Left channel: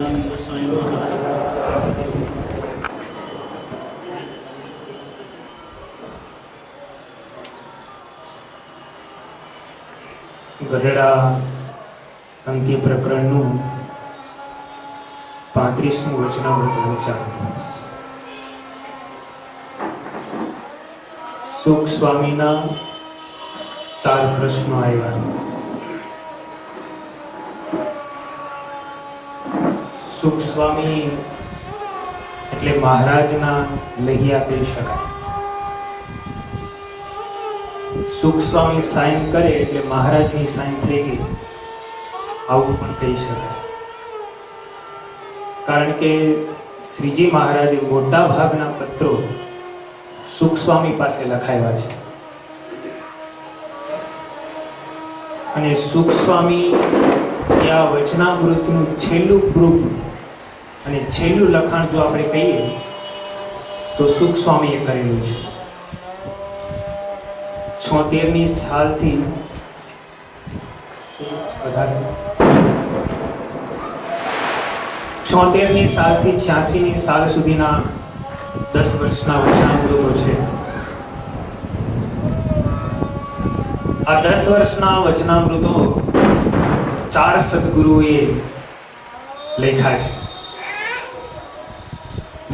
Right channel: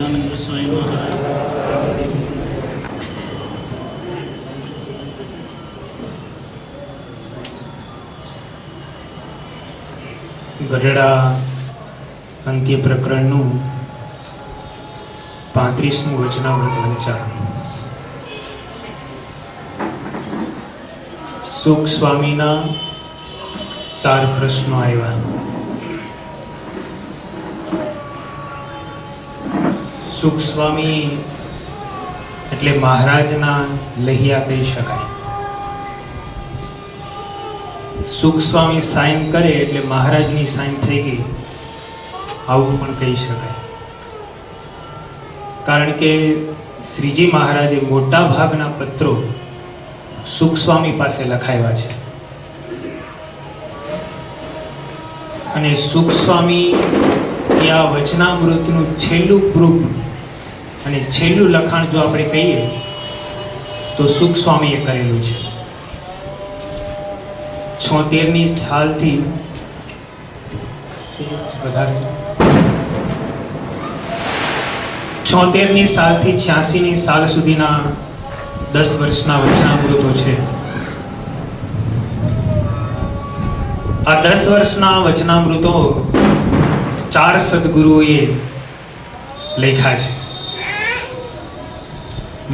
આનંદ સ્વામી મહારાજ ગઢડા અંત્ય પ્રકરણનું 35મું વચનામૃત વંચાણ. સુખ સ્વામીના 4 પ્રશ્નો આવ્યા. સુખ સ્વામી એટલે મહારાજના લહિયા કહી શકાય. સુખ સ્વામી સાઈન કરે એટલે મહારાજની સાઈન થઈ ગઈ, આવું પણ કહી શકાય. કારણ કે શ્રીજી મહારાજે મોટા ભાગના પત્રો સુખ સ્વામી પાસે લખાવ્યા છે અને સુખ સ્વામી એ આ વચનામૃતનું છેલ્લું પ્રૂફ અને છેલ્લું લખાણ જો આપણે કહીએ તો સુખ સ્વામીએ કરેલું છે. 76ની સાલથી 86ની સાલ સુધીના 10 વર્ષના વચનામૃતો છે. આ 10 વર્ષના વચનામૃતો 4 સદગુરુઓએ લખ્યા છે.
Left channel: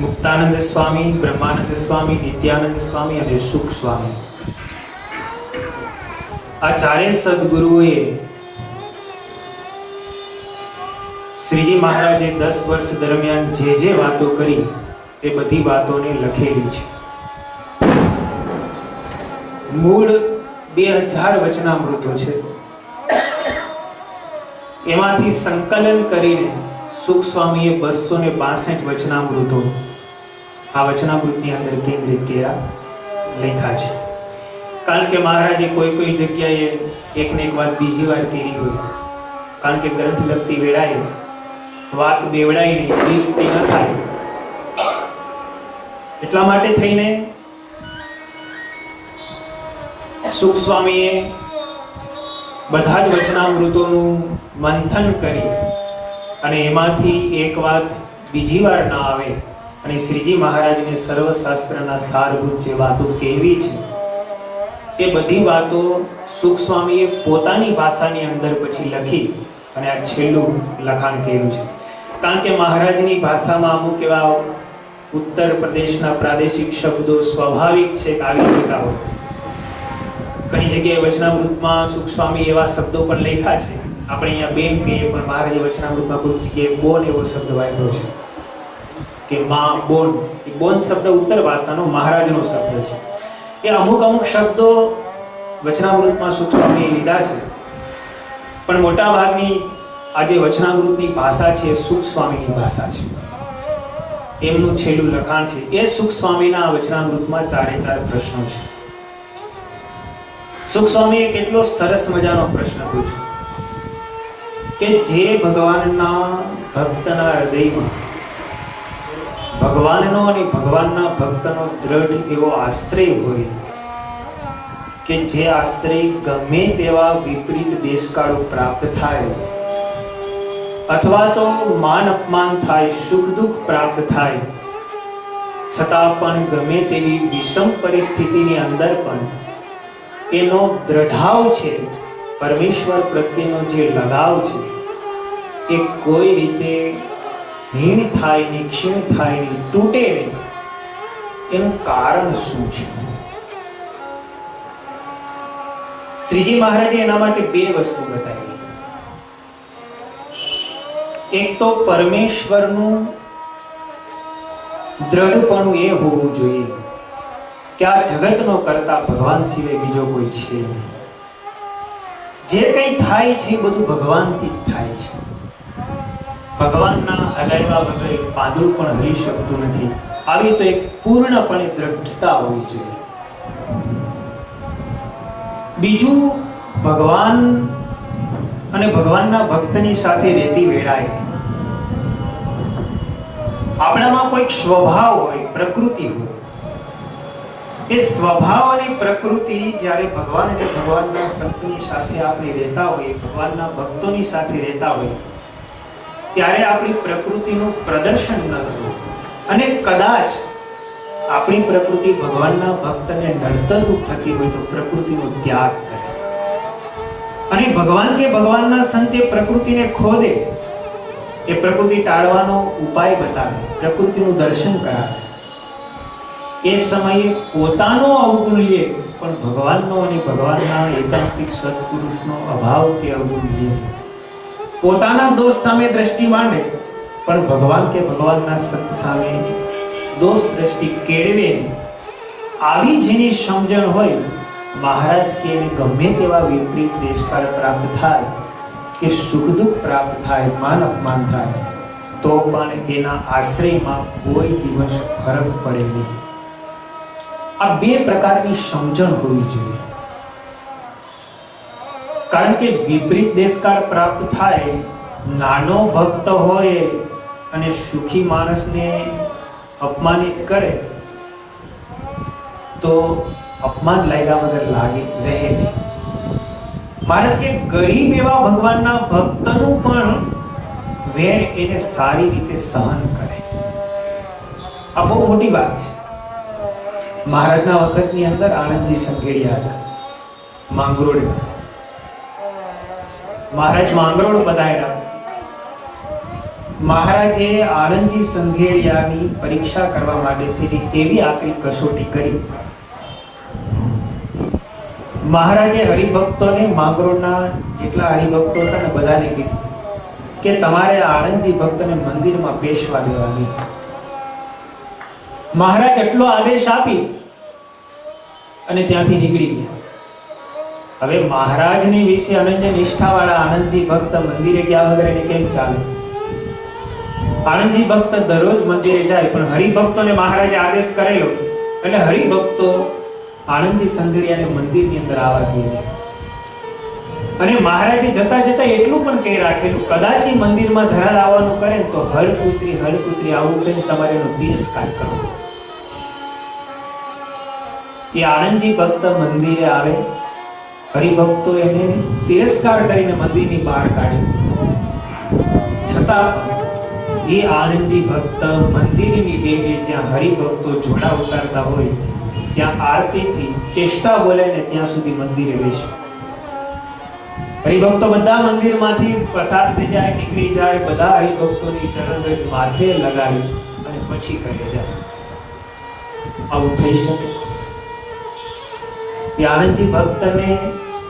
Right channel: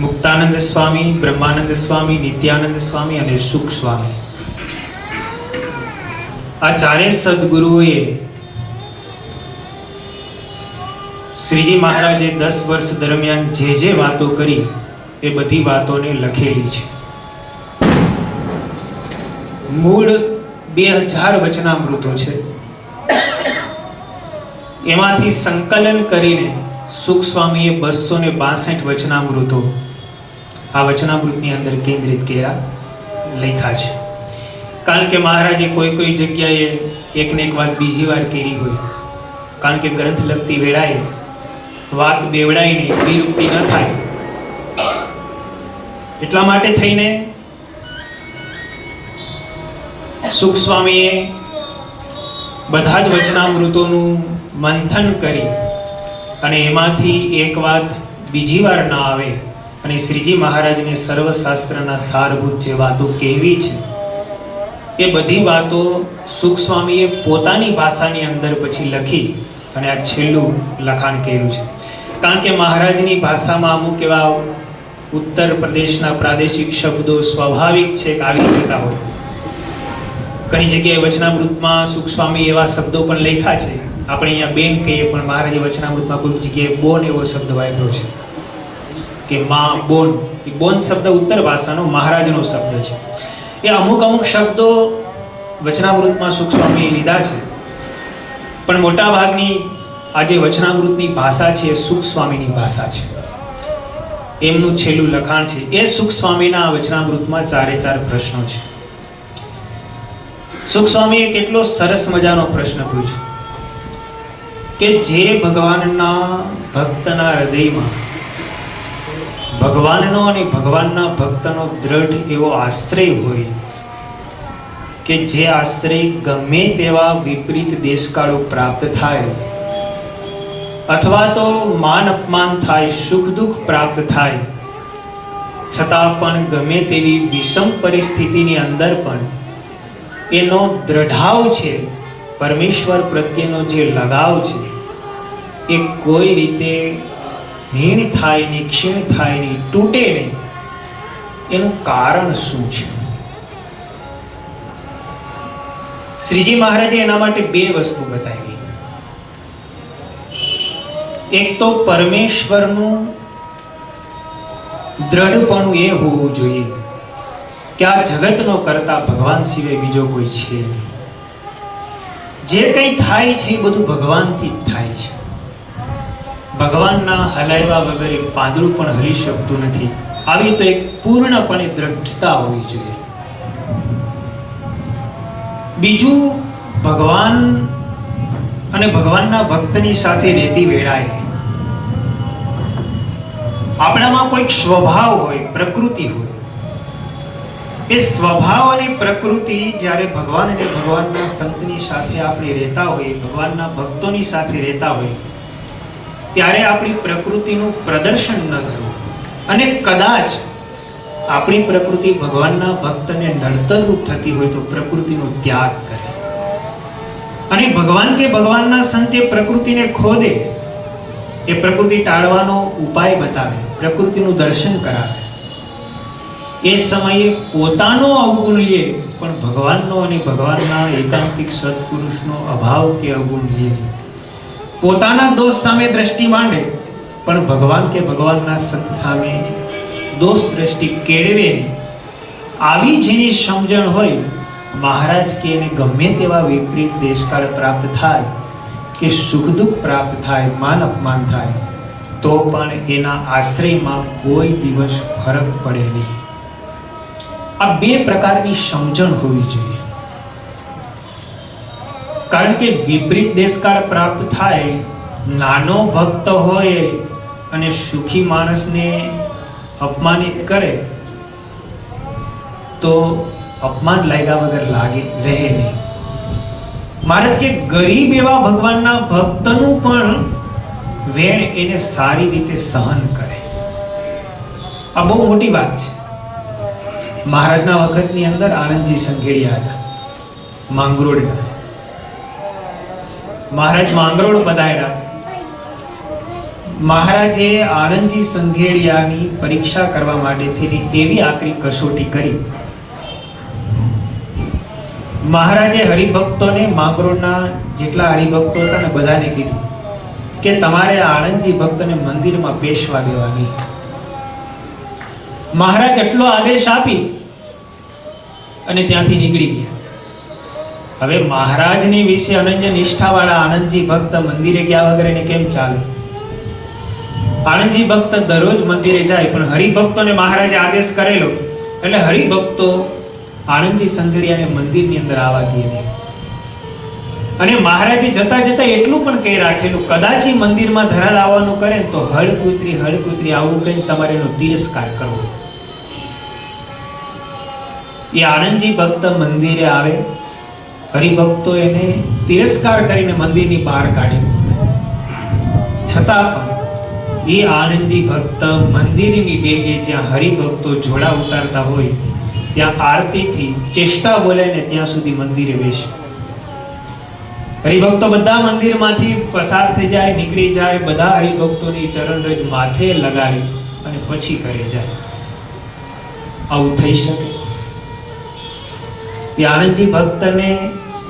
મુક્તાનંદ સ્વામી, બ્રહ્માનંદ સ્વામી, નિત્યાનંદ સ્વામી અને સુખ સ્વામી. આ 4 સદગુરુઓએ શ્રીજી મહારાજે 10 વર્ષ દરમિયાન જે વાતો કરી એ બધી વાતોને લખેલી છે. મૂળ 2000 વચનામૃતો છે. એમાંથી સંકલન કરીને સુખ સ્વામીએ 262 વચનામૃતો આ વચનામૃતની અંદર કેન્દ્રિત કર્યા, લખ્યા છે. કારણ કે મહારાજે કોઈ જગ્યાએ એકને એક વાત બીજી વાર કરી હોય, કારણ કે ગ્રંથ લખતી વેળાએ વાત બેવડાય નહીં, વિરુક્તિ ન થાય, એટલા માટે થઈને સુખ સ્વામીએ બધા જ વચનામૃતોનું મંથન કરી અને એમાંથી એક વાત બીજી વાર ના આવે અને શ્રીજી મહારાજને સર્વશાસ્ત્રના સારભૂત જે વાતો કહેવી છે એ બધી વાતો સુખ સ્વામીએ પોતાની ભાષાની અંદર પછી લખી અને આ છેલ્લું લખાણ કર્યું છે. કારણ કે મહારાજની ભાષામાં અમુક એવા ઉત્તર પ્રદેશના પ્રાદેશિક શબ્દો સ્વાભાવિક છે કે આવી જતા હોય. ઘણી જગ્યાએ વચનામૃતમાં સુખ સ્વામી એવા શબ્દો પણ લખ્યા છે, આપણે અહીંયા બેન કહીએ પણ મહારાજે વચનામૃતમાં કોઈ જગ્યાએ બોન એવો શબ્દ વાપર્યો છે કે માં બોન. એ બોન શબ્દ ઉત્તર ભાષાનો મહારાજનો શબ્દ છે. એ અમુક શબ્દો વચનામૃતમાં સુખ સ્વામીએ લીધા છે, પણ મોટા ભાગની આજે વચનામૃતની ભાષા છે એ સુખ સ્વામીની ભાષા છે. એમનું છેલ્લું લખાણ છે. એ સુખ સ્વામીના વચનામૃતમાં 4 પ્રશ્નો છે. સુખ સ્વામીએ કેટલો સરસ મજાનો પ્રશ્ન પૂછ્યો કે જે ભગવાનના ભક્તના હૃદયમાં ભગવાનનો અને ભગવાનના ભક્તનો દ્રઢ એવો આશ્રય હોય કે જે આશ્રય ગમે તેવા વિપરીત દેશકાળો પ્રાપ્ત થાય અથવા તો માન અપમાન થાય, સુખ દુઃખ પ્રાપ્ત થાય, છતાં પણ ગમે તેવી વિષમ પરિસ્થિતિની અંદર પણ એનો દ્રઢાવ છે, પરમેશ્વર પ્રત્યેનો જે લગાવ છે એ કોઈ રીતે હીણ થાય નહીં, ક્ષીણ થાય નહીં, તૂટે નહીં. એનું કારણ શું છે? શ્રીજી મહારાજે એના માટે 2 વસ્તુ બતાવી. એક તો પરમેશ્વરનું દ્રઢપણું એ હોવું જોઈએ કે આ જગતનો કરતા ભગવાન સિવાય બીજો કોઈ છે નહીં. જે કંઈ થાય છે એ બધું ભગવાનથી જ થાય છે. ભગવાનના હલાવ્યા વગર એક પાંદડું પણ હલી શકતું નથી. આવી તો એક પૂર્ણપણે દ્રઢતા હોવી જોઈએ. બીજું, ભગવાન અને ભગવાનના ભક્તની સાથે રહેતી વેળાએ આપણામાં કોઈક સ્વભાવ હોય, પ્રકૃતિ હોય. એ સ્વભાવ અને પ્રકૃતિ જ્યારે ભગવાન અને ભગવાનના સંતની સાથે આપણે રહેતા હોઈએ, ભગવાનના ભક્તોની સાથે રહેતા હોઈએ, ત્યારે આપણી પ્રકૃતિનું પ્રદર્શન ન કરવું. અને કદાચ આપણી પ્રકૃતિ ભગવાનના ભક્તને નડતરરૂપ થતી હોય તો પ્રકૃતિનો ત્યાગ કરે. અને ભગવાન કે ભગવાનના સંતે પ્રકૃતિને ખોદે, એ પ્રકૃતિ ટાળવાનો ઉપાય બતાવે, પ્રકૃતિનું દર્શન કરાવે. એ સમયે પોતાનો અવગુણ લે પણ ભગવાનનો અને ભગવાનના એકાંતિક સત્પુરુષનો અભાવ કે અવગુણ લે. પોતાના દોષ સામે દ્રષ્ટિ માંડે પણ ભગવાન કે ભગવાનના સંત સામે દોષ દ્રષ્ટિ કેળવે નહીં. આવી જેની સમજણ હોય, મહારાજ કે એને ગમે તેવા વિપરીત દેશકાળ પ્રાપ્ત થાય કે સુખ દુઃખ પ્રાપ્ત થાય, માન અપમાન થાય, તો પણ એના આશ્રયમાં કોઈ દિવસ ફરક પડે નહીં. આ બે પ્રકારની સમજણ હોવી જોઈએ. કારણ કે વિપરીત દેશકાળ પ્રાપ્ત થાય, નાનો ભક્ત હોય અને સુખી માણસને અપમાનિત કરે તો અપમાન લાગ્યા વગર લાગે રહે નહીં. મહારાજ કે ગરીબ એવા ભગવાનના ભક્તનું પણ વેણ એને સારી રીતે સહન કરે. આ બહુ મોટી વાત છે. મહારાજના વખતની અંદર આનંદજી સંઘેડિયા હતા, માંગરોળના. મહારાજ માંગરોળ પધાર્યા. મહારાજે આનંદજી સંઘેડિયાની પરીક્ષા કરવા માટે એવી આકરી કસોટી કરી. મહારાજે હરિભક્તોને, માંગરોળના જેટલા હરિભક્તો હતા ને બધાને કીધું કે તમારે આનંદજી ભક્તને મંદિરમાં બેસવા દેવા નહીં. મહારાજ એટલો આદેશ આપી અને ત્યાંથી નીકળી ગયા. હવે મહારાજની વિશે અનન્ય નિષ્ઠા વાળા આનંદજી ભક્ત મંદિરે ગયા વગર એને કેમ ચાલે? આનંદજી ભક્ત દરરોજ મંદિરે જાય, પણ હરિભક્તોને મહારાજે આદેશ કરેલો એટલે હરિભક્તો આનંદજી સંઘેડિયાને મંદિરની અંદર આવવા દે નહીં. અને મહારાજે જતા જતા એટલું પણ કહી રાખેલું, કદાચ એ મંદિરમાં ધરા લાવવાનું કરે ને તો હળકુતરી આવું કહીને તમારે એનો તિરસ્કાર કરવો. એ આનંદજી ભક્ત મંદિરે આવે, હરિભક્તો એને તિરસ્કાર કરીને મંદિરની બહાર કાઢ્યો. છતાં એ આનંદજી ભક્ત મંદિરની ડેગે જ્યાં હરિભક્તો જોડા ઉતારતા હોય ત્યાં આરતીથી ચેષ્ટા બોલે ને ત્યાં સુધી મંદિરે બેસે. હરિભક્તો બધા મંદિરમાંથી પસાર થઈ જાય, નીકળી જાય, બધા હરિભક્તોની ચરણરજ માથે લગાવી અને પછી ઘરે જાય. આવું થઈ શકે? એ આનંદજી ભક્તને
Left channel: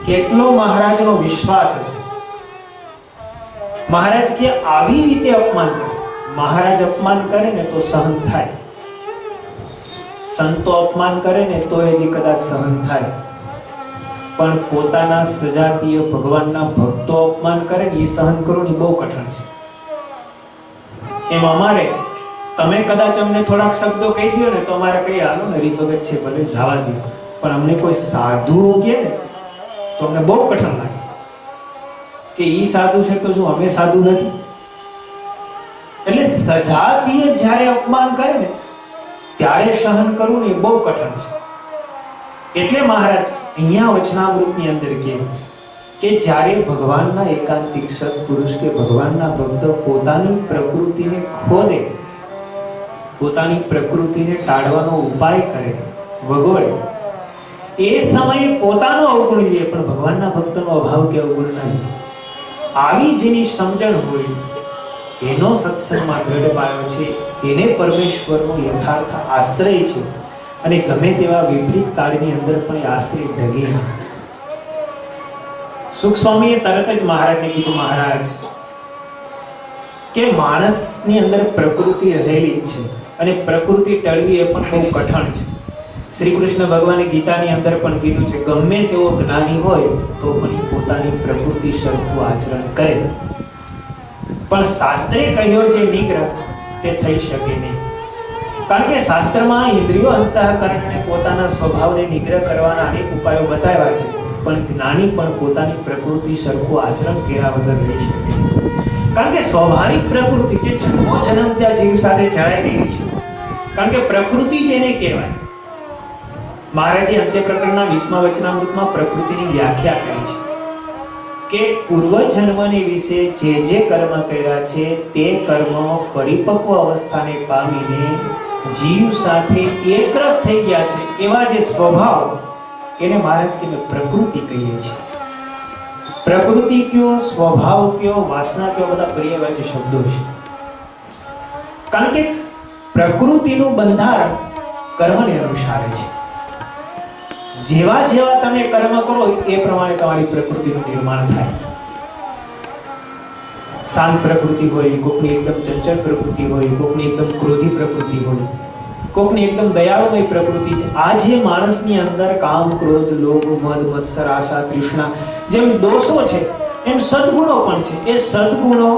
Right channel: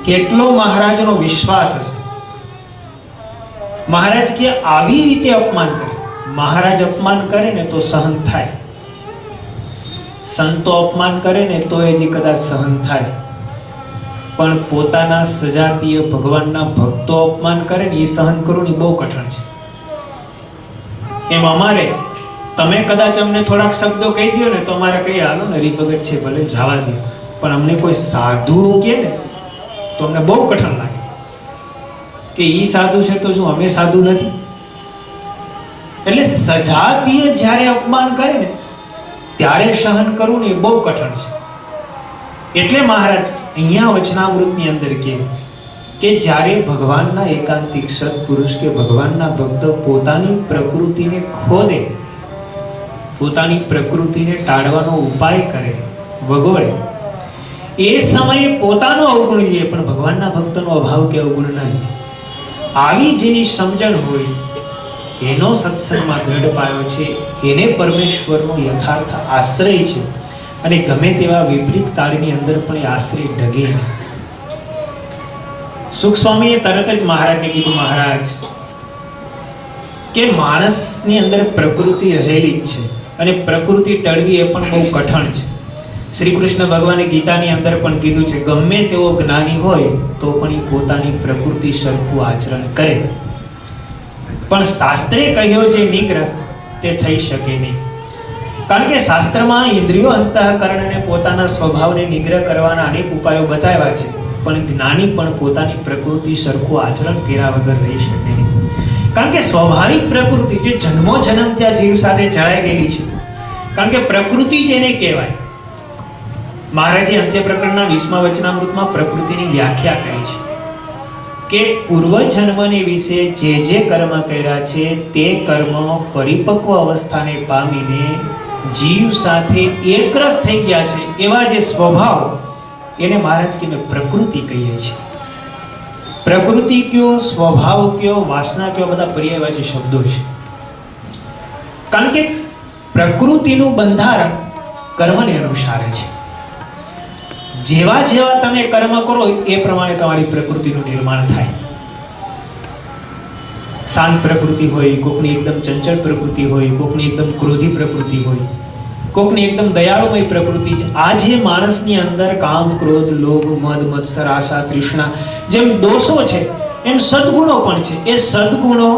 કેટલો મહારાજનો વિશ્વાસ હશે. મહારાજ કે આવી રીતે અપમાન કરે. મહારાજ અપમાન કરે ને તો સહન થાય, સંતો અપમાન કરે ને તો એ કદાચ સહન થાય, પણ પોતાના સજાતીય ભગવાનના ભક્તો અપમાન કરે ને એ સહન કરવું બહુ કઠણ છે. એમ અમારે તમે કદાચ અમને થોડાક શબ્દો કહી દો ને તો અમારે કઈ હાલો ને હરિભગત છે ભલે જવા દો, પણ અમને કોઈ સાધુ કહે ને તો અમને બહુ કઠણ લાગે કે ઈ સાધુ છે તો શું અમે સાધુ નથી? એટલે સજાતીય જ્યારે અપમાન કરે ને ત્યારે સહન કરવું ને બહુ કઠણ છે. એટલે મહારાજ અહીંયા વચનામૃતની અંદર કહે કે જ્યારે ભગવાનના એકાંતિક સત્પુરુષ કે ભગવાનના ભક્ત પોતાની પ્રકૃતિને ખોદે, પોતાની પ્રકૃતિને ટાળવાનો ઉપાય કરે, વગોળે, એ સમયે પોતાનો અવગુણ લે પણ ભગવાનના ભક્તનો અભાવ કે અવગુણ નહીં. આવી જેની સમજણ હોય એનો સત્સંગમાં દ્રઢ પાયો છે, એને પરમેશ્વરનો યથાર્થ આશ્રય છે. અને ગમે તેવા વિપરીત કાળની અંદર પણ એ આશ્રય ડગે નહીં. સુખ સ્વામીએ તરત જ મહારાજને કીધું, મહારાજ કે માણસની અંદર પ્રકૃતિ રહેલી જ છે અને પ્રકૃતિ ટળવી એ પણ બહુ કઠણ છે. શ્રી કૃષ્ણ ભગવાને ગીતાની અંદર પણ કીધું છે, ગમે તેવો જ્ઞાની હોય તો પણ એ પોતાની પ્રકૃતિ સરખું આચરણ કરે, પણ શાસ્ત્રે કહ્યો છે નિગ્રહ તે થઈ શકે નહીં. કારણ કે શાસ્ત્રમાં ઇન્દ્રિયો, અંતઃકરણ અને પોતાના સ્વભાવને નિગ્રહ કરવાના અનેક ઉપાયો બતાવ્યા છે, પણ જ્ઞાની પણ પોતાની પ્રકૃતિ સરખું આચરણ કર્યા વગર રહી શકે નહીં. કારણ કે સ્વાભાવિક પ્રકૃતિ જે જન્મો જન્મ ત્યાં જીવ સાથે જળાઈ ગયેલી છે, કારણ કે પ્રકૃતિ જેને કહેવાય. મહારાજે અંત્ય પ્રકરણના 20મા વચનામૃતમાં પ્રકૃતિની વ્યાખ્યા કરી છે કે પૂર્વજન્મની વિશે જે કર્મ કર્યા છે તે કર્મ પરિપક્વ અવસ્થાને પામીને જીવ સાથે એકરસ થઈ ગયા છે એવા જે સ્વભાવ, એને મહારાજ કે પ્રકૃતિ કહીએ છીએ. પ્રકૃતિ કયો, સ્વભાવ કયો, વાસના કયો, બધા પર્યાયવાચી શબ્દો છે. કારણ કે પ્રકૃતિનું બંધારણ કર્મને અનુસારે છે. જેવા જેવા તમે કર્મ કરો એ પ્રમાણે તમારી પ્રકૃતિનું નિર્માણ થાય. શાંત પ્રકૃતિ હોય, કોકની એકદમ ચંચળ પ્રકૃતિ હોય, કોકની એકદમ ક્રોધી પ્રકૃતિ હોય, કોકની એકદમ દયાળુમય પ્રકૃતિ છે. આ જે માણસની અંદર કામ, ક્રોધ, લોભ, મદ, મત્સર, આશા, તૃષ્ણા જેમ દોષો છે એમ સદગુણો પણ છે. એ સદગુણો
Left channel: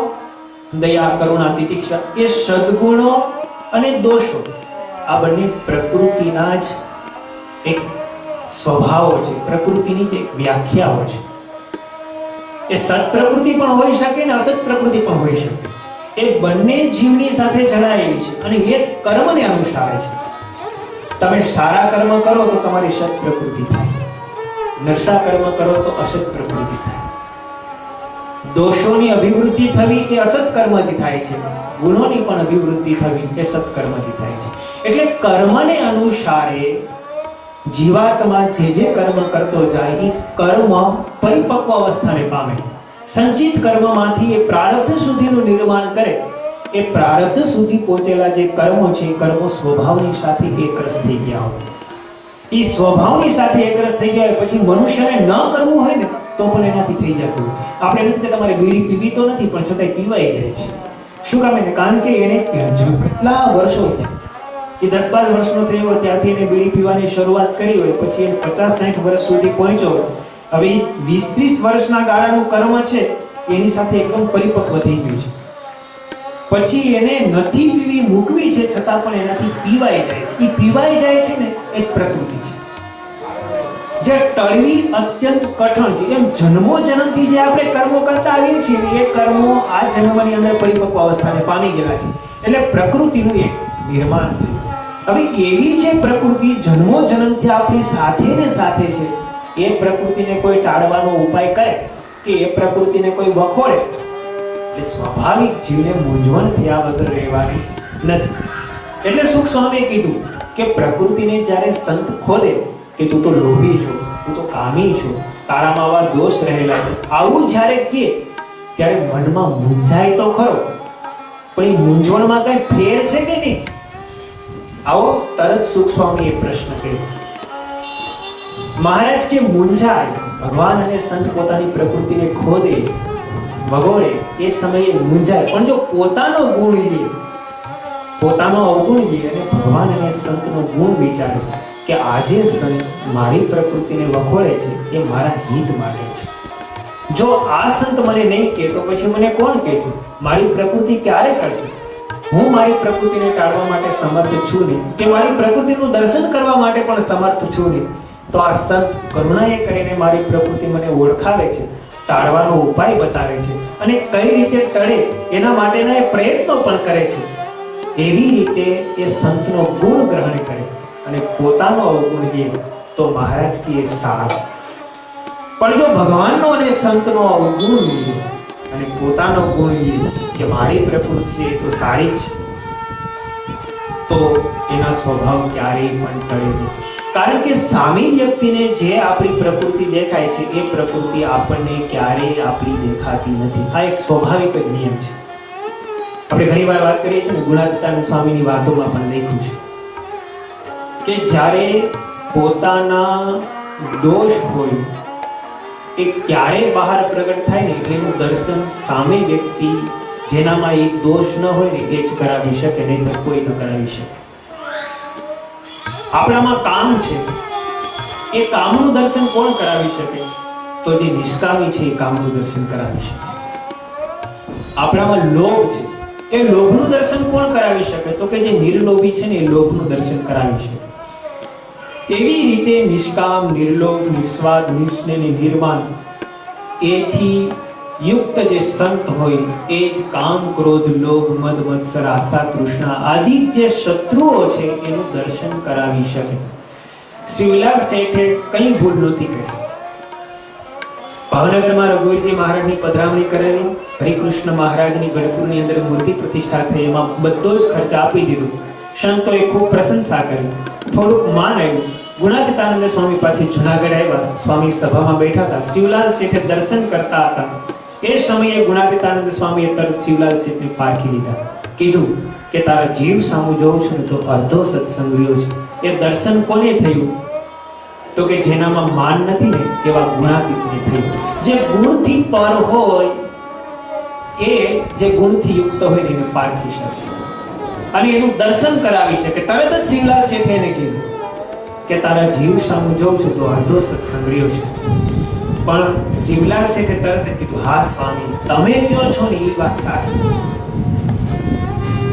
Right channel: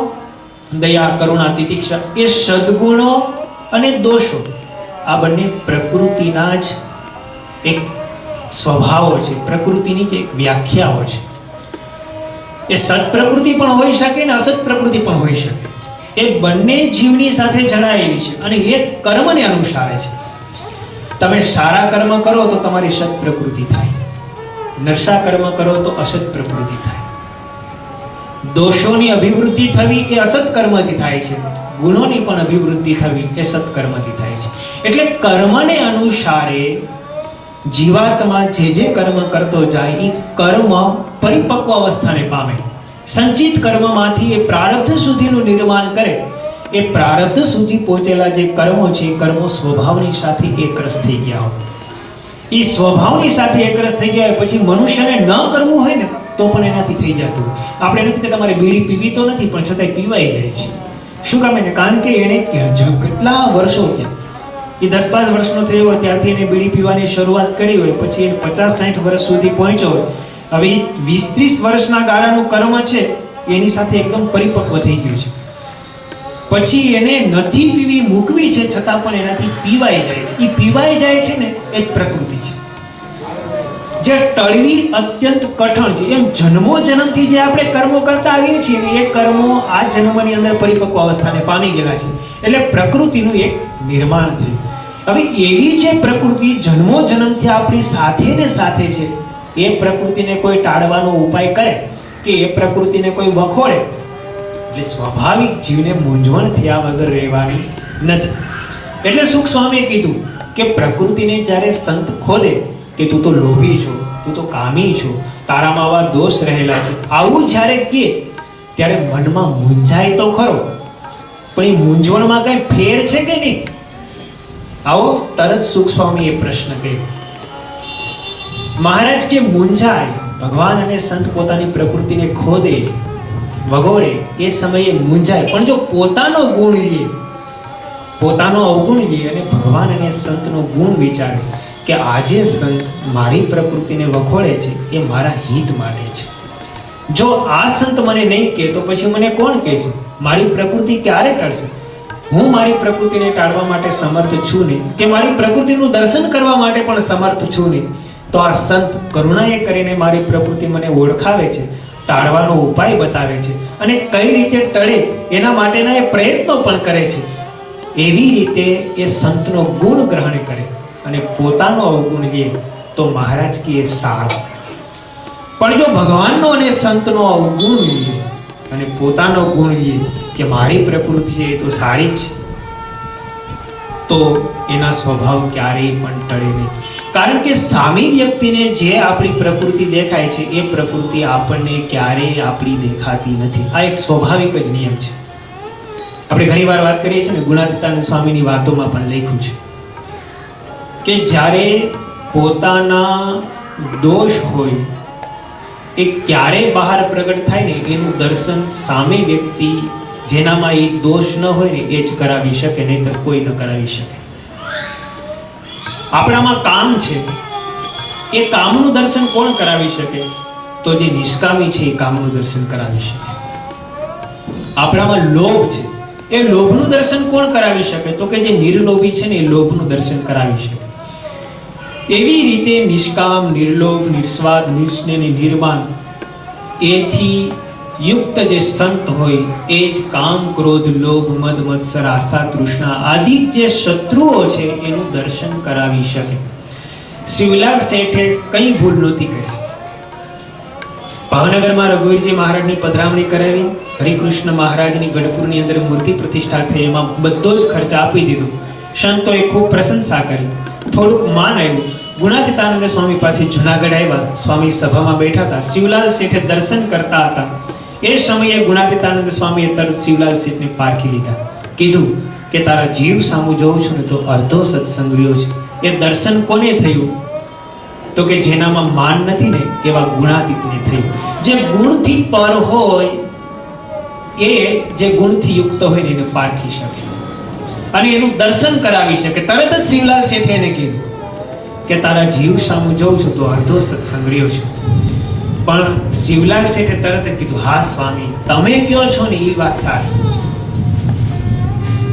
દયા, કરુણા, તિતિક્ષા, એ સદગુણો અને દોષો આ બંને પ્રકૃતિના જ એક સ્વભાવો છે, પ્રકૃતિની જે વ્યાખ્યાઓ છે. એ સત પ્રકૃતિ પણ હોઈ શકે ને અસત પ્રકૃતિ પણ હોઈ શકે. એ બંને જીવની સાથે જોડાયેલી છે અને એ કર્મને અનુસારે છે. તમે સારા કર્મ કરો તો તમારી સત પ્રકૃતિ થાય, નરસા કર્મ કરો તો અસત પ્રકૃતિ થાય. દોષોની અભિવૃદ્ધિ થવી એ અસત કર્મથી થાય છે, ગુણોની પણ અભિવૃદ્ધિ થવી એ સત કર્મથી થાય છે. એટલે કર્મને અનુસારે જીવાત્મા જે કર્મ કરતો જાય એ કર્મ પરિપક્વ અવસ્થાને પામે. સંચિત કર્મમાંથી એ પ્રારબ્ધ સુધીનું નિર્માણ કરે. એ પ્રારબ્ધ સુધી પહોંચેલા જે કર્મો છે એ કર્મો સ્વભાવની સાથે એકરસ થઈ ગયા હોય. એ સ્વભાવની સાથે એકરસ થઈ ગયા હોય પછી મનુષ્યને ન કરવું હોય ને તો પણ એનાથી થઈ જતું. આપણે નથી કે તમારે બીડી પીવી તો નથી, પણ છતાંય પીવાઈ જાય છે. શું કામ એને? કારણ કે એને કેટલા વર્ષો થયા, એ 10-12 વર્ષનો થયો હોય ત્યારથી એને બીડી પીવાની શરૂઆત કરી હોય, પછી એને 50-60 વર્ષ સુધી પહોંચ્યો હોય. હવે 20-30 વર્ષના ગાળાનું કર્મ છે એની સાથે એકદમ પરિપક્વ થઈ ગયું છે. પછી એને નથી પીવી, મૂકવી છે, છતાં પણ એનાથી પીવાઈ જાય છે. એ પીવાઈ જાય છે ને એ જ પ્રકૃતિ છે. જે ટળવી અત્યંત કઠણ છે. એમ જન્મો જન્મથી જે આપણે કર્મો કરતા આવીએ છીએ એ કર્મો આ જન્મની અંદર પરિપક્વ અવસ્થાને પામી ગયેલા છે. એટલે પ્રકૃતિનું એક નિર્માણ થયું. હવે એવી જે પ્રકૃતિ જન્મો જન્મથી આપણી સાથે ને સાથે છે, એ પ્રકૃતિને કોઈ ટાળવાનો ઉપાય કરે કે એ પ્રકૃતિને કોઈ વખોડે એટલે સ્વાભાવિક જીવને મૂંઝવણ થયા વગર રહેવાની નથી. એટલે સુખ સ્વામીએ કીધું કે પ્રકૃતિને જ્યારે સંત ખોદે કે તું તો લોભી છો, તું તો કામી છો, તારામાં આવા દોષ રહેલા છે, આવું જ્યારે કહે ત્યારે મનમાં મૂંઝાય તો ખરો, પણ એ મૂંઝવણમાં કઈ ફેર છે કે નહીં? આવો તરત સુખ સ્વામી એ પ્રશ્ન કર્યો. મહારાજ કે મૂંઝાય, ભગવાન અને સંત પોતાની પ્રકૃતિને ખોદે, વગોડે એ સમયે મૂંઝાય, પણ જો પોતાનો ગુણ લે, પોતાનો અવગુણ લે અને ભગવાન અને સંતનો ગુણ વિચારે કે આજે સંત મારી પ્રકૃતિને વખોડે છે એ મારા હિત માટે છે. જો આ સંત મને નહીં કહે તો પછી મને કોણ કહેશે? મારી પ્રકૃતિ ક્યારે ટળશે? હું મારી પ્રકૃતિને ટાળવા માટે સમર્થ છું નહીં, કે મારી પ્રકૃતિનું દર્શન કરવા માટે પણ સમર્થ છું નહીં, તો આ સંત કરુણાએ કરીને મારી પ્રકૃતિ મને ઓળખાવે છે, ટાળવાનો ઉપાય બતાવે છે અને કઈ રીતે ટળે એના માટેના એ પ્રયત્નો પણ કરે છે. એવી રીતે એ સંતનો ગુણ ગ્રહણ કરે અને પોતાનો અવગુણ લે તો મહારાજ કે એ સારું. પણ જો ભગવાનનો અને સંતનો અવગુણ લે અને પોતાનો ગુણ લે કે મારી પ્રકૃતિ છે તો સારી છે, તો એના સ્વભાવ ક્યારેય પણ ટળે નહીં. કારણ કે સામી વ્યક્તિને જે આપણી પ્રકૃતિ દેખાય છે એ પ્રકૃતિ આપણને ક્યારેય આપણી દેખાતી નથી. આ એક સ્વાભાવિક જ નિયમ છે. આપણે ઘણી વાર વાત કરીએ છીએ ને, ગુણાતીતાનંદ સ્વામીની વાતોમાં પણ લખ્યું છે કે જ્યારે પોતાના દોષ હોય એ ક્યારે બહાર પ્રગટ થાય ને એનું દર્શન સામે વ્યક્તિ જેનામાં એ દોષ ન હોય ને એ જ કરાવી શકે, નહીં તો કોઈ ન કરાવી શકે. આપણામાં કામ છે, એ કામનું દર્શન કોણ કરાવી શકે? તો જે નિષ્કામી છે એ કામનું દર્શન કરાવી શકે. આપણામાં લોભ છે, એ લોભનું દર્શન કોણ કરાવી શકે? તો કે જે નિર્લોભી છે ને એ લોભનું દર્શન કરાવી શકે. એવી રીતે નિષ્કામ, નિર્લોભ, નિસ્વાર્થ, નિસ્નેહ, નિર્માન એથી યુક્ત જે સંત હોય એ જ કામ, ક્રોધ, લોભ, મદ, મત્સર, આશા, તૃષ્ણા આદિ જે શત્રુઓ છે એનું દર્શન કરાવી શકે. શિવલાલ શેઠે કઈ ભૂલ નહોતી કરી, ભાવનગરમાં રઘુવીરજી મહારાજની પધરામણી કરાવી, હરિકૃષ્ણ મહારાજની ગઢપુરની અંદર મૂર્તિ પ્રતિષ્ઠા થઈ, એમાં બધો જ ખર્ચ આપી દીધો. સંતોએ ખૂબ પ્રશંસા કરી, થોડુંક માન આવ્યું. ગુણાતીતાનંદ સ્વામી પાસે જુનાગઢ આવ્યા. સ્વામી સભામાં બેઠા હતા. શિવલાલ શેઠે દર્શન કરતા હતા. એ સમયે ગુણાતીતાનંદ સ્વામીએ તરત શિવલાલ શેઠને પારખી લીધા. કીધું કે તારા જીવ સામું જોઉં છું ને તો અર્ધો સત્સંગ રહ્યો છે. એ દર્શન કોને થયું? તો કે જેનામાં માન નથી ને એવા ગુણાતીતને થયું. જે ગુણથી પર હોય એ જે ગુણથી યુક્ત હોય ને એને પારખી શકે અને એનું દર્શન કરાવી શકે. તરત જ શિવલાલ શેઠે એને કીધું કે તારા જીવ સામું જોઉં છું તો અર્ધો સત્સંગ રહ્યો છે. પણ શિવલાલ શેઠે તરત જ કીધું, હા સ્વામી, તમે કયો છો ને એ વાત સાચી.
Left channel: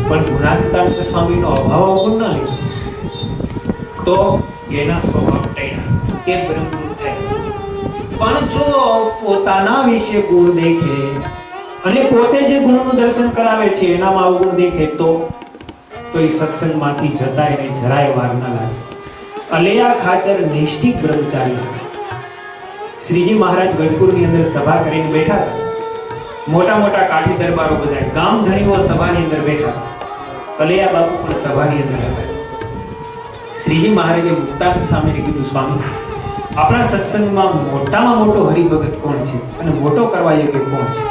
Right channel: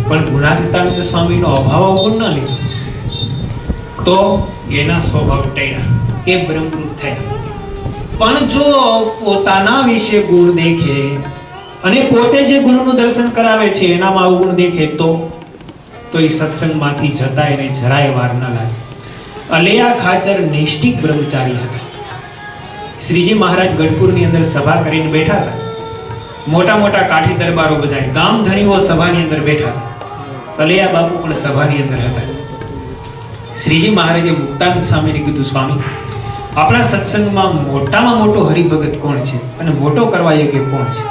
પણ ગુણાતીતાનંદ સ્વામીનો અભાવ અવગુણ ન લીધો તો એના સ્વભાવ ટળ્યા, એ બ્રહ્મરૂપ થયા. પણ જો પોતાના વિશે ગુણ દેખે અને પોતે જે ગુણનું દર્શન કરાવે છે એનામાં અવગુણ દેખે તો એ સત્સંગમાંથી જતા એને જરાય વાર ન લાગે. અલૈયા ખાચર નિષ્ઠિક બ્રહ્મચારી હતા. શ્રીજી મહારાજ ગઢપુરની અંદર સભા કરીને બેઠા હતા. મોટા મોટા કાઠી દરબારો બધા ગામ ધણીઓ સભાની અંદર બેઠા. અલૈયા બાપુ પણ સભાની અંદર હતા. શ્રીજી મહારાજે મુક્તાનંદ સ્વામીને કીધું, સ્વામી, આપણા સત્સંગમાં મોટામાં મોટો હરિભગત કોણ છે અને મોટો કરવા યોગ્ય કોણ છે?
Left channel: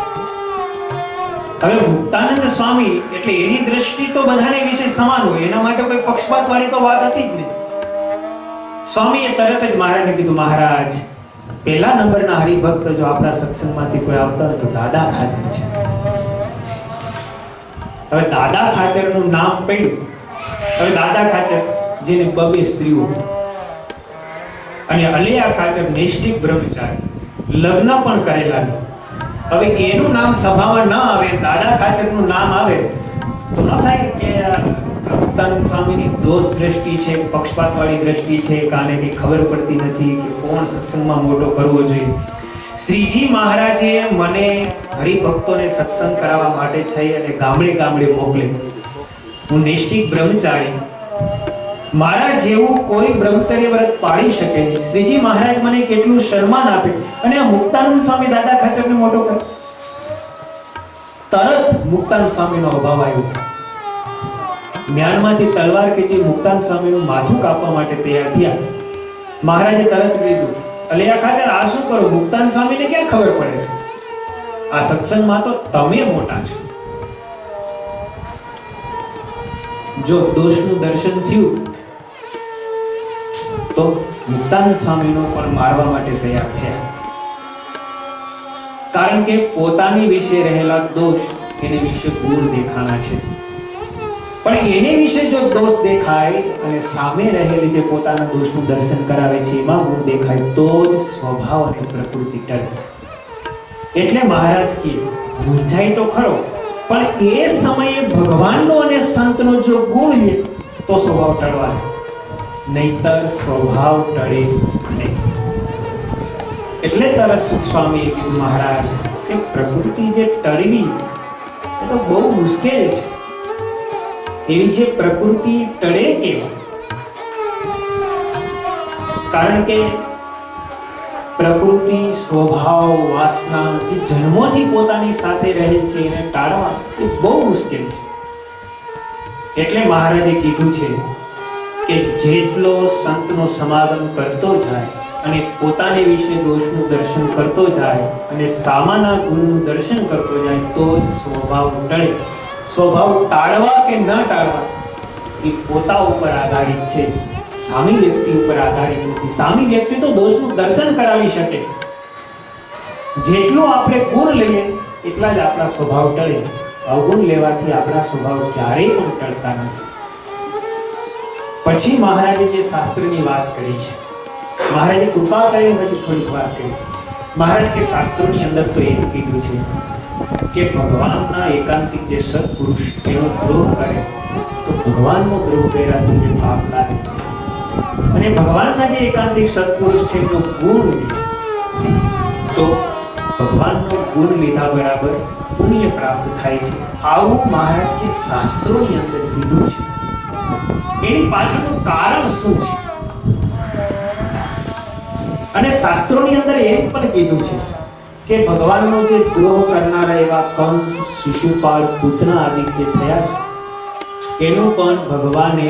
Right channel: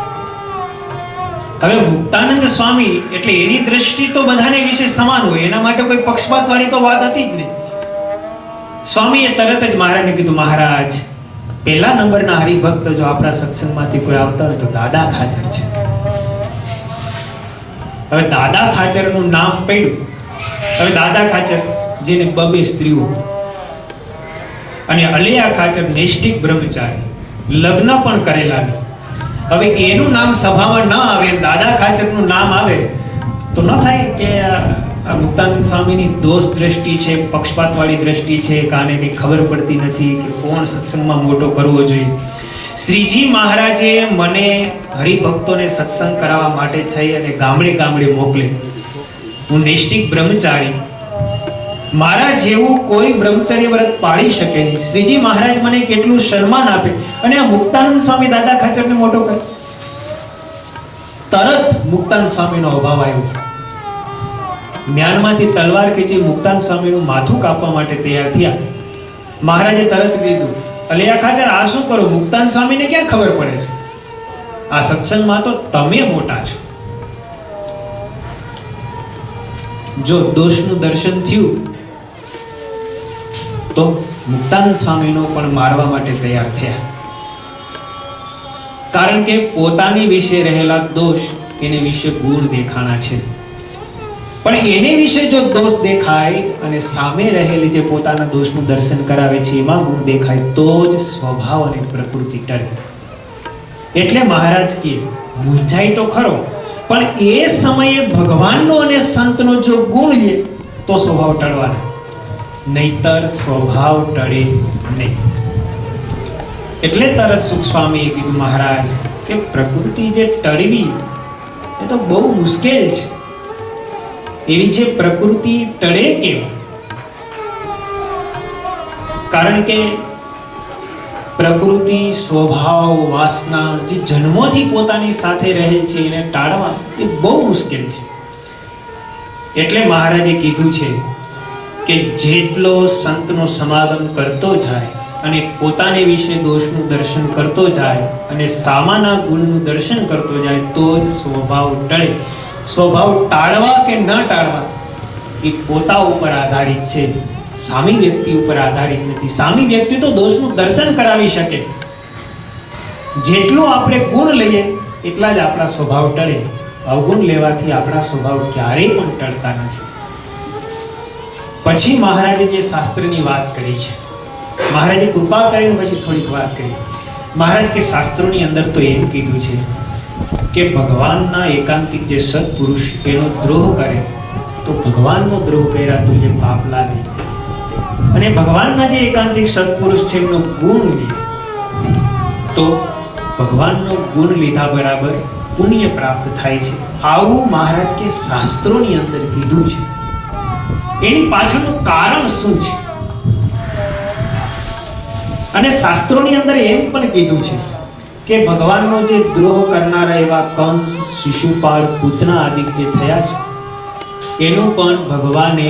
હવે મુક્તાનંદ સ્વામી એટલે એની દ્રષ્ટિ તો બધાને વિશે સમાન હોય, એના માટે કોઈ પક્ષપાત વાળી તો વાત હતી જ નહીં. સ્વામીએ તરત જ મહારાજને કીધું, મહારાજ, પહેલા નંબરના હરિભક્ત જો આપણા સત્સંગમાંથી કોઈ આવતા હોય તો દાદા ખાચર છે. હવે દાદા ખાચરનું નામ પડ્યું. હવે દાદા ખાચર જેને બબે સ્ત્રીઓ અને અલૈયા ખાચર નિષ્ઠિક બ્રહ્મચારી, લગ્ન પણ કરેલા નહીં. હવે એનું નામ સભામાં ન આવે, દાદા ખાચરનું નામ આવે તો ન થાય કે મુક્તાનંદ સ્વામીની દોષ દ્રષ્ટિ છે, પક્ષપાત વાળી દ્રષ્ટિ છે, કાને કઈ ખબર પડતી નથી કે કોણ સત્સંગમાં મોટો કરવો જોઈએ. શ્રીજી મહારાજે મને હરિભક્તોને સત્સંગ કરાવવા માટે થઈ અને ગામડે ગામડે મોકલે. હું નિષ્ઠિક બ્રહ્મચારી, મારા જેવું કોઈ બ્રહ્મચર્ય વ્રત પાળી શકે નહીં. શ્રીજી મહારાજ મને કેટલું સન્માન આપે અને આ મુક્તાનંદ સ્વામી દાદા ખાચરને મોટો કરે. તરત મુક્તાનંદ સ્વામીનો અભાવ આવ્યો. જ્ઞાનમાંથી તલવાર ખેંચી મુક્તાનંદ સ્વામીનું માથું કાપવા માટે તૈયાર થયા. મહારાજે તરત કીધું, અલૈયા ખાચર, આ શું કરો? મુક્તાનંદ સ્વામીને ક્યાં ખબર પડે છે? આ સત્સંગમાં તો તમે મોટા છો. જો દોષનું દર્શન થયું તો મુક્તાનંદ સ્વામીનો પણ મારવા માટે તૈયાર થયા. કારણ કે પોતાની વિશે રહેલા દોષ એને વિશે ગુણ દેખાણા છે. પણ એને વિશે જો દોષ દેખાય અને સામે રહેલી જે પોતાના દોષનું દર્શન કરાવે છે એમાં ગુણ દેખાય તો જ સ્વભાવ અને પ્રકૃતિ ટળે. એટલે મહારાજ કે મૂંઝાય તો ખરો, પણ એ સમયે ભગવાનનો અને સંતનો જો ગુણ લે તો સ્વભાવ ટળવાનો, નહીતર સ્વભાવ ટળે નહીં. એટલે તરત સુખ સ્વામીએ કીધું, મહારાજ, કે પ્રકૃતિ જે ટળવી એ તો બહુ મુશ્કેલ છે. એવી છે પ્રકૃતિ ટળે કેમ? કારણ કે પ્રકૃતિ, સ્વભાવ, વાસના જે જન્મોથી પોતાની સાથે રહે છે એને ટાળવા એ બહુ મુશ્કેલ છે. એટલે મહારાજે કીધું છે કે જેટલો સંતનો સમાગમ કરતો જાય અને પોતાને વિશે દોષનું દર્શન કરતો જાય અને સામાના ગુણનું દર્શન કરતો જાય તો જ સ્વભાવ ટળે. સ્વભાવ ટાળવા કે ન ટાળવા એ પોતા ઉપર આધારિત છે, સામી વ્યક્તિ ઉપર આધારિત નથી. સામી વ્યક્તિ તો દોષનું દર્શન કરાવી શકે. જેટલો આપણે ગુણ લઈએ એટલા જ આપણા સ્વભાવ ટળે. અવગુણ લેવાથી આપણા સ્વભાવ ક્યારેય પણ ટળતા નથી. પછી મહારાજે જે શાસ્ત્રની વાત કરી છે, મહારાજે કૃપા કરીને પછી થોડીક વાત કરી. મહારાજ કે શાસ્ત્રોની અંદર તો એમ કીધું છે કે ભગવાનના એકાંતિક જે સત્પુરુષ એનો દ્રોહ કરે તો ભગવાનનો દ્રોહ કર્યા તો જે પાપ લાગે, અને ભગવાનના જે એકાંતિક સત્પુરુષ છે એનો ગુણ લે તો ભગવાનનો ગુણ લીધા બરાબર પુણ્ય પ્રાપ્ત થાય છે. આવું મહારાજ કે શાસ્ત્રોની અંદર કીધું છે. એની પાછળનું કારણ શું છે? અને શાસ્ત્રોની અંદર એમ પણ કીધું છે કે ભગવાનનો જે દ્રોહ કરનારા એવા કંસ, શિશુપાળ, પૂતના આદિ જે થયા છે એનું પણ ભગવાને